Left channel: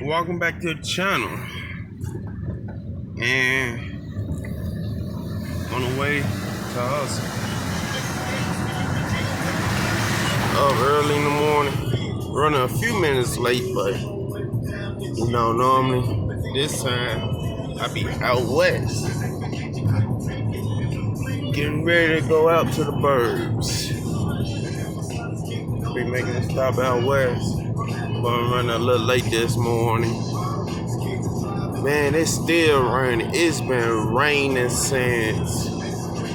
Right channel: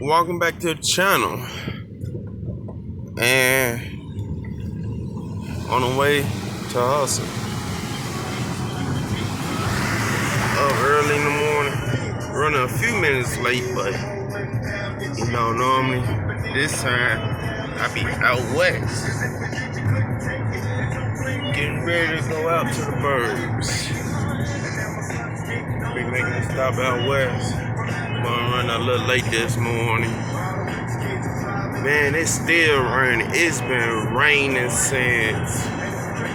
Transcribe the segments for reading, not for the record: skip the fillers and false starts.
Welcome back to the channel. And on the way to hustle. Up early in the morning. Running a few minutes late, but normally this time I be out west. Getting ready to go out to the burbs. Be making a stop out west. Gonna run a little late this morning. Man, it's still raining. It's been raining since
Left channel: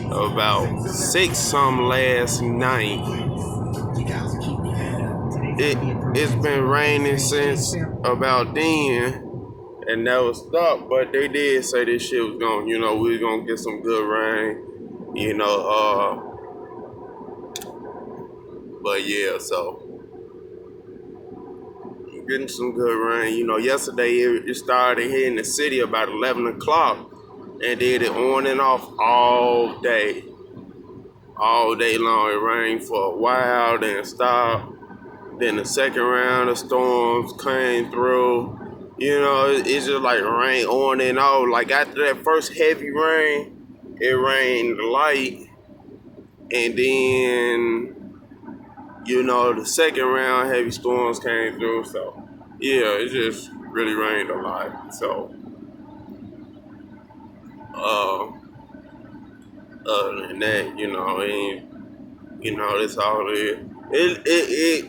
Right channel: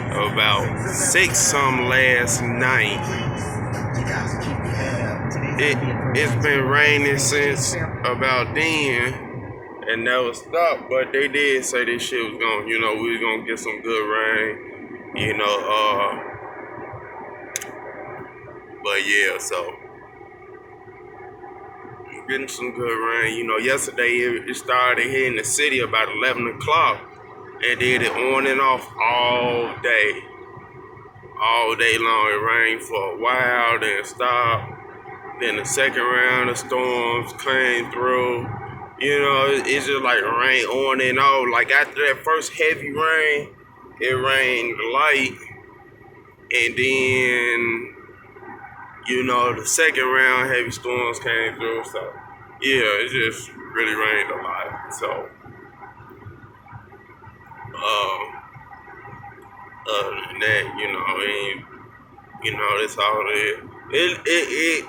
about 6 some last night. It's been raining since about then and never stopped, but they did say this shit was gonna, we was gonna get some good rain, but yeah, so getting some good rain. Yesterday it started here in the city about 11 o'clock and did it on and off all day long. It rained for a while, then stopped. Then the second round of storms came through. It's just like rain on and off. Like after that first heavy rain, it rained light. And then, the second round heavy storms came through. So, yeah, it just really rained a lot. So, other than that, that's all it is.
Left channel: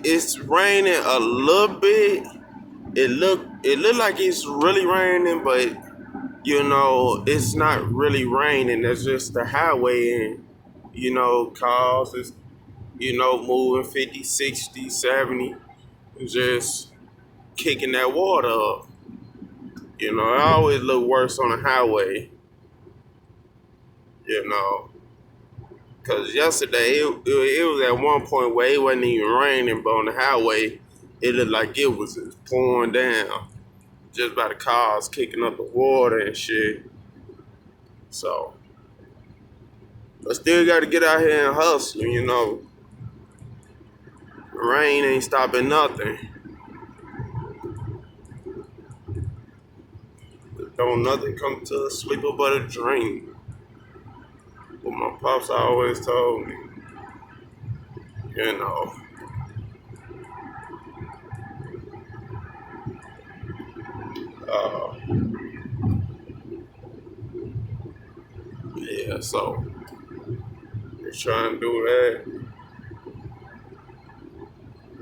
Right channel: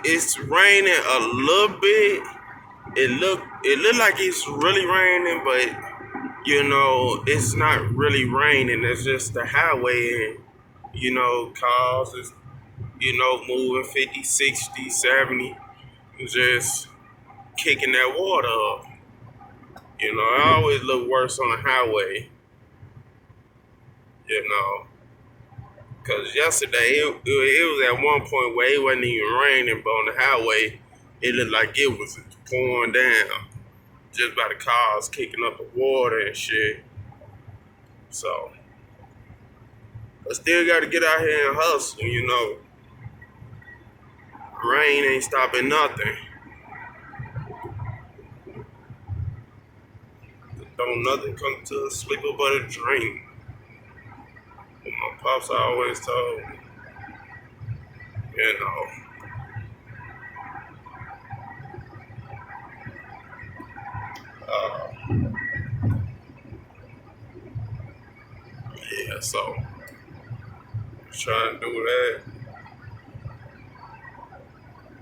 It's raining a little bit. It look like it's really raining, but it's not really raining. It's just the highway, and cars is moving 50, 60, 70, just kicking that water up. It always look worse on the highway. Because yesterday, it was at one point where it wasn't even raining, but on the highway, it looked like it was just pouring down. Just by the cars kicking up the water and shit. So, but still got to get out here and hustle, Rain ain't stopping nothing. Don't nothing come to a sleeper but a dream. What my pops always told me. Uh, yeah, so just trying to do that.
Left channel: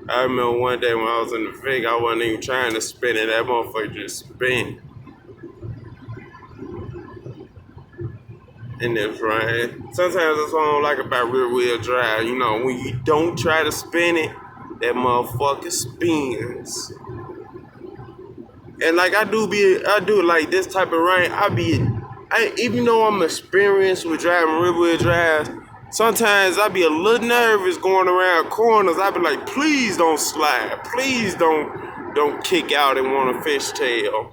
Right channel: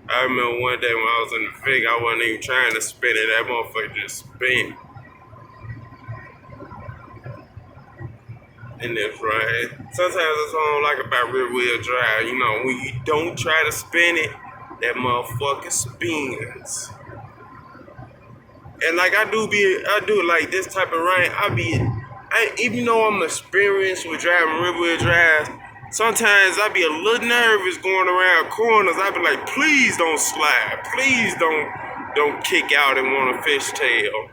I remember one day when I was in the Vic, I wasn't even trying to spin it. That motherfucker just spin. In this rain. Sometimes that's what I don't like about rear wheel drive. When you don't try to spin it, that motherfucker spins. And like I do like this type of rain. Even though I'm experienced with driving rear wheel drives, sometimes I be a little nervous going around corners. I be like, please don't slide. Please don't kick out and want a fishtail.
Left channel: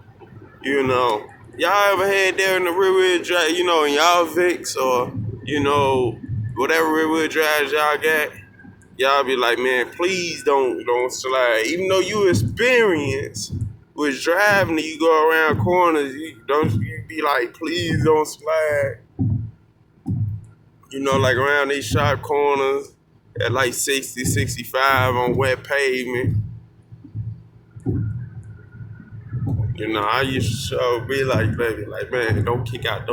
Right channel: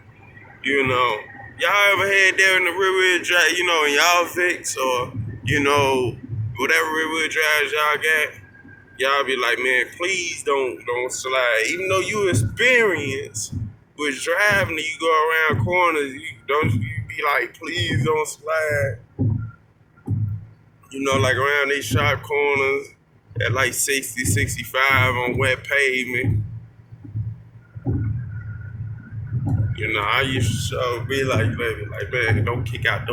Y'all ever had that in the rear wheel drive, in y'all Vicks or, whatever rear wheel drives y'all got? Y'all be like, man, please don't slide. Even though you experienced with driving and you go around corners, you be like, please don't slide. Like around these sharp corners at like 60, 65 on wet pavement. I used to be like, baby, like, man, don't kick out.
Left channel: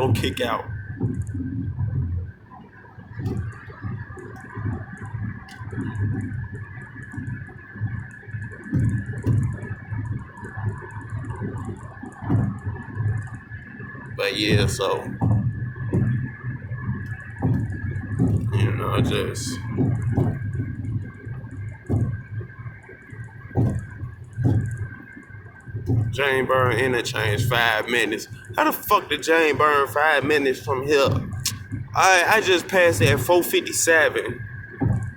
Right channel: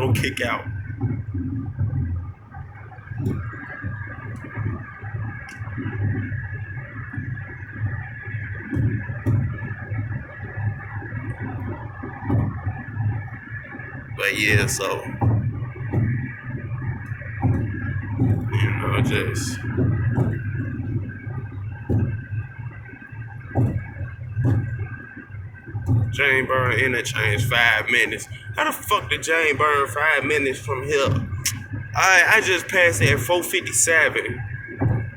But yeah, so, just Jane Burn interchange 5 minutes. How the fuck did Jane Burn 5 minutes from here? I just passed at 457.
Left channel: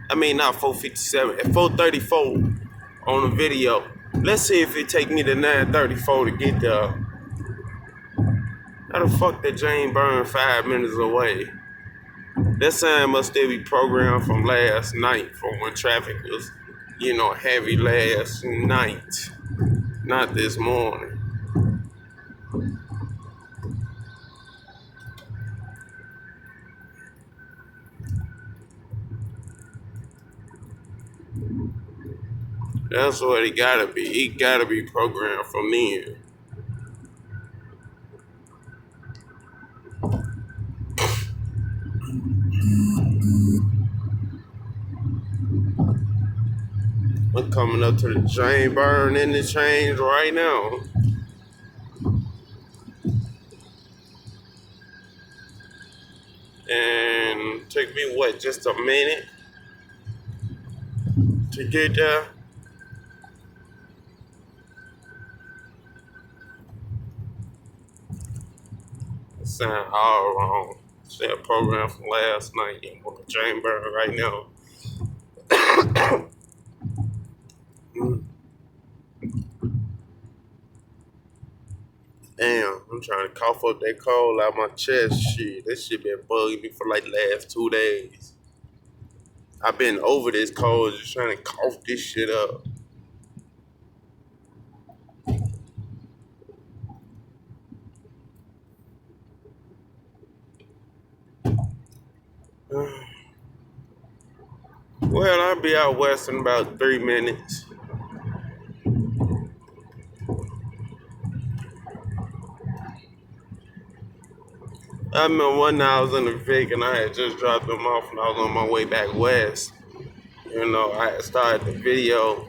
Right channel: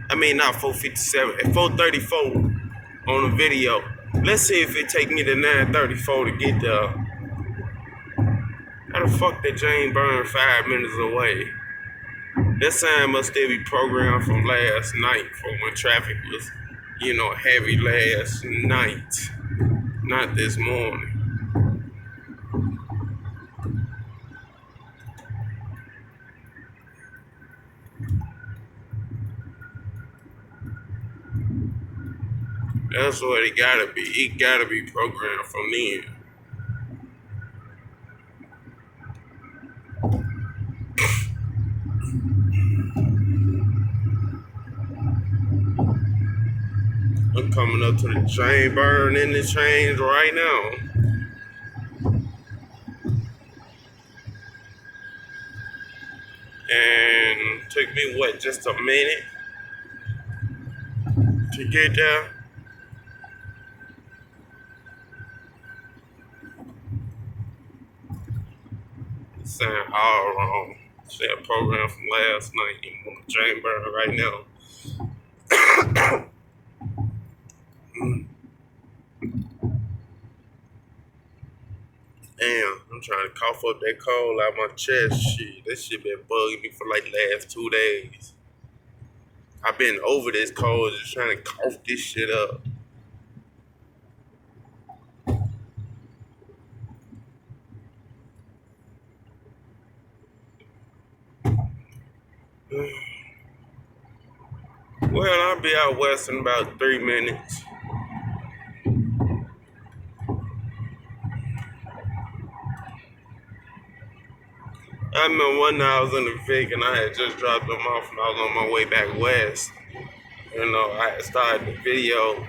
I mean, not 457, at 434 on the video. Let's see if it take me to 934 to get there. How the fuck did Jane Burn 5 minutes away? That sign must still be programmed from last night, from when traffic was, heavy last night. Not this morning. That's what it gotta be. It gotta be programmed from then. I'm coming up to the chain burn in the chains right now. And took me what, just a minute to get there. It sound all wrong. That program from last night. I'm on the chain burn right now. Mm. Damn, I'm trying to cough up that cold out my chest. Shit, this shit been bugging me for like the last 2 days. I've been over this cold, just trying to cough this shit up. Well, I'll be out west in about 3 minutes. I remember one night I was in the Vic and I had just dropped them off and I was on my way back west. You know, I had started the video.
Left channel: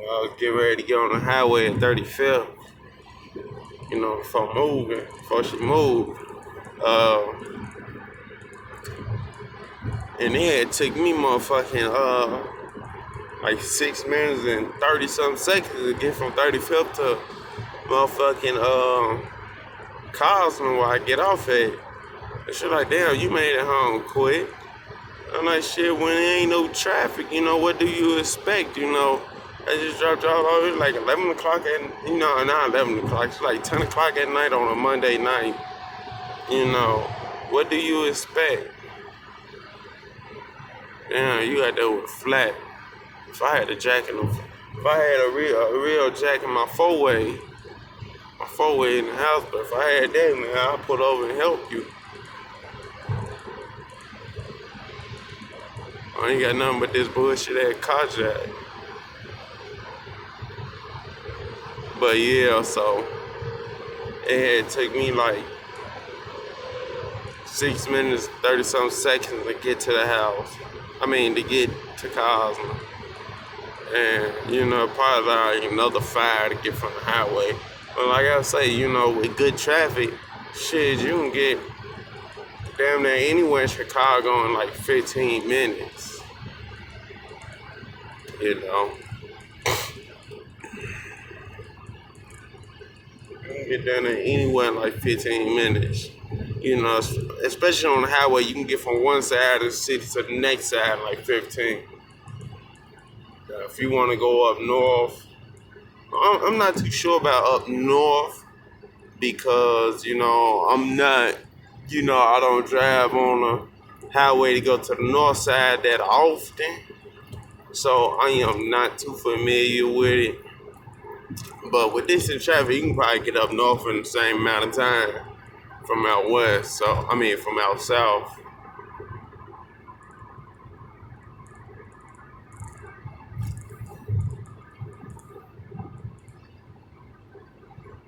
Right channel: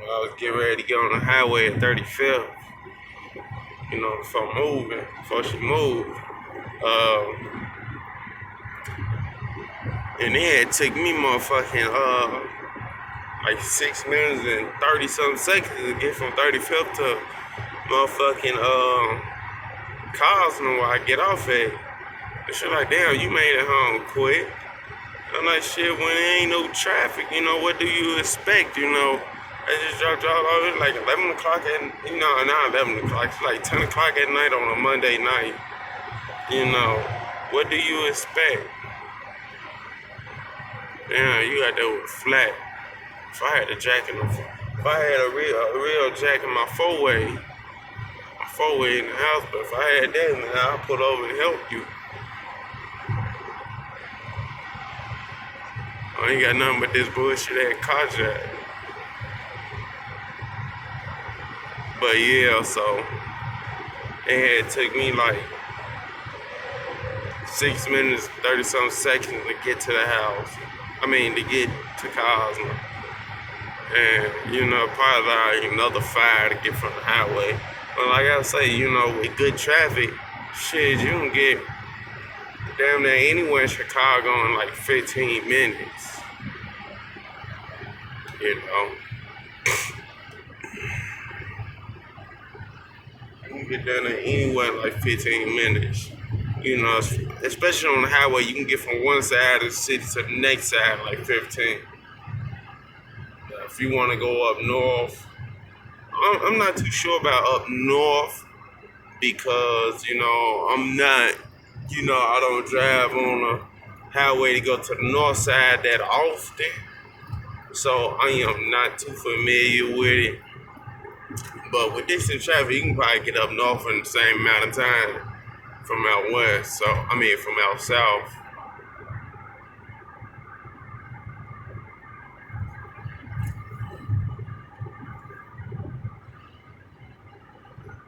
I was getting ready to get on the highway at 35th. You know, before she moved. Uh, and it had took me motherfucking like 6 minutes and 30 something seconds to get from 35th to motherfucking Kozma where I get off at. And shit like, damn, you made it home quick. I'm like, shit, when there ain't no traffic, you know, what do you expect, you know? I just dropped y'all off, it was like 11 o'clock at, you know, not 11 o'clock, it's like 10 o'clock at night on a Monday night. You know, what do you expect? Damn, you got that with flat. If I had a jack in the, if I had a real jack in my four-way in the house, but if I had that, man, I'll put over and help you. I ain't got nothing but this bullshit at Kajak. But yeah, so it had took me like 6 minutes, 30 something seconds to get to the house. I mean, to get to Kozma. And, you know, probably like another 5 to get from the highway. But like I say, you know, with good traffic, shit, you can get damn near anywhere in Chicago in like 15 minutes. You know. You can get down there anywhere in like 15 minutes. You know, especially on the highway, you can get from one side of the city to the next side in like 15. If you want to go up north, I'm not too sure about up north because, you know, I'm not, you know, I don't drive on the highway to go to the north side that often. So I am not too familiar with it. But with this in traffic, you can probably get up north in the same amount of time from out west. So, I mean, from out south.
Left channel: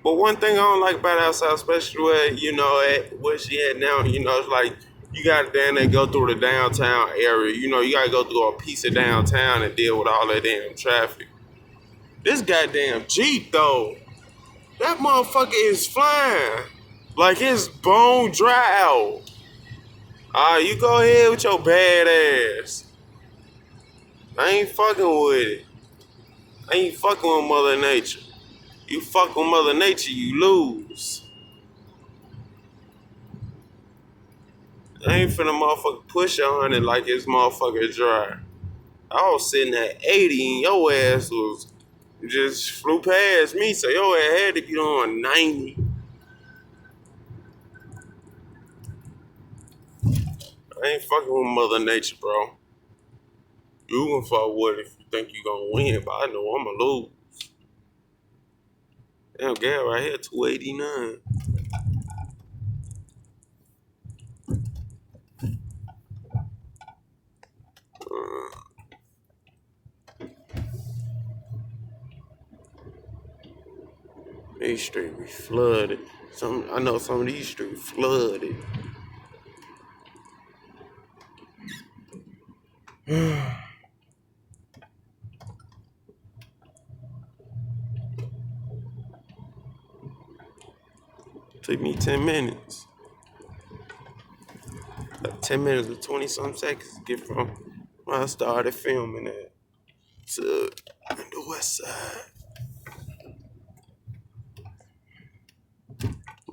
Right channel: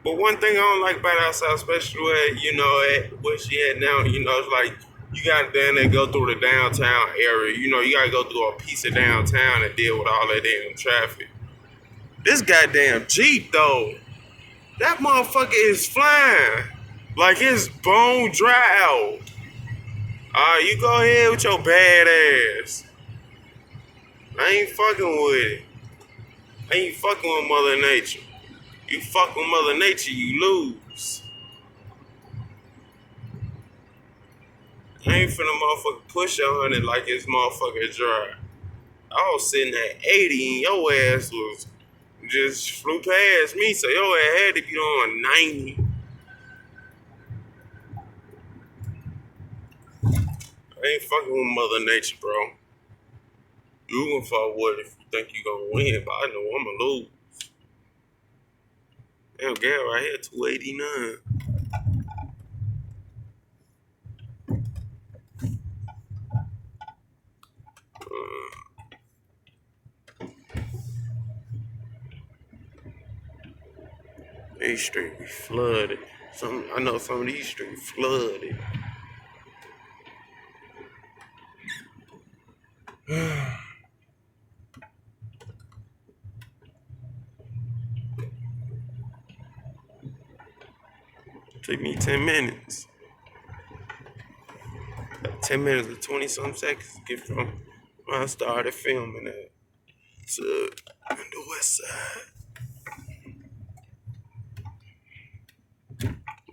But one thing I don't like about outside, especially where, you know, at where she at now, you know, it's like you gotta damn near go through the downtown area. You know, you gotta go through a piece of downtown and deal with all that damn traffic. This goddamn Jeep though, that motherfucker is flying. Like it's bone dry out. Alright, you go ahead with your bad ass. I ain't fucking with it. I ain't fucking with Mother Nature. You fuck with Mother Nature, you lose. I ain't finna motherfucker push 100 like it's motherfucker dry. I was sitting at 80 and your ass was just flew past me, so your ass had to be on 90. I ain't fucking with Mother Nature, bro. You gonna fuck with it if you think you gonna win, but I know I'ma lose. Damn, gas right here, $2.89. These streets be flooded. I know some of these streets flooded. Took me 10 minutes. 10 minutes and 20 some seconds to get from when I started filming it to the west side.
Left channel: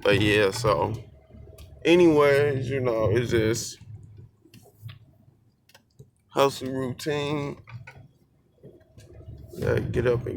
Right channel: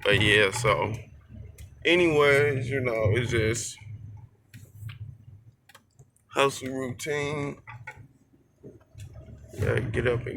But yeah, so anyways, it's just hustle routine. Gotta get up and